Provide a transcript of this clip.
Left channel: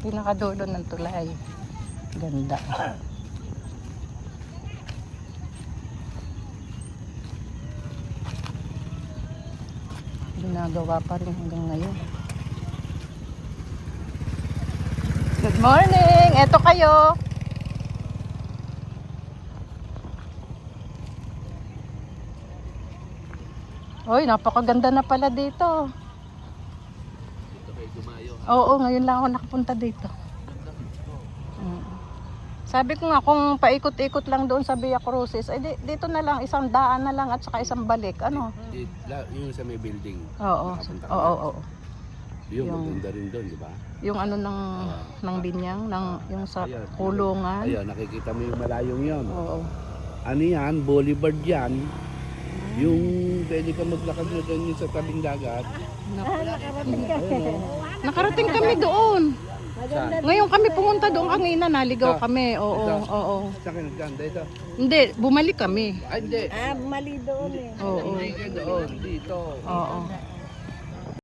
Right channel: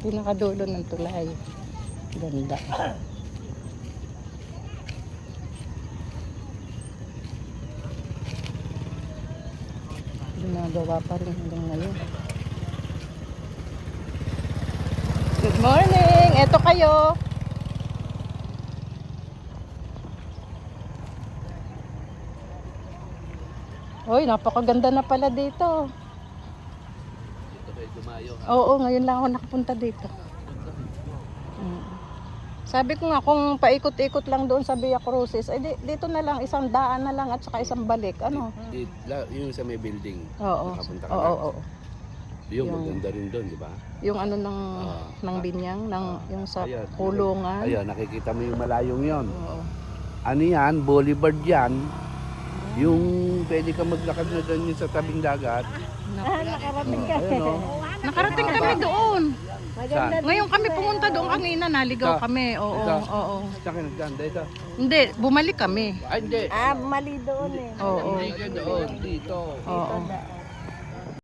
Pinakadulo ng tulay. Ganda. Ginagawa pa rin hanggang ngayon. Good morning! Eto kayo! Uy, napakaganda na pala dito. Oo, ngayon lang ako nakapunta dito. Sabi ko nga kung paikot-ikot lang doon sa Via Crucis, dito na lang, isang daan na lang at saka isang balik. Ano? Yung sa may building, Oo. nakapunta ka na. Oo. Yung maganda rin doon, di ba? Yung ano ng binyang, yung sa Ayan, kulungan. Ayun, nakikita mo yung malayong yon. Oo. Ano yan? Boulevard yan. Yung pwede ka maglakad na doon sa tabing dagat. Nakarating ka. Ayun, oh. Nakarating kami doon. Saan? Ngayon kami pumunta doon kanina, naligaw Ito. kami. Oo, Ito. oo. Sa akin nagkanda ito. Hindi, bumalik kami. Ay, hindi. Mali doon eh. Oo. Hindi doon, dito. Oo.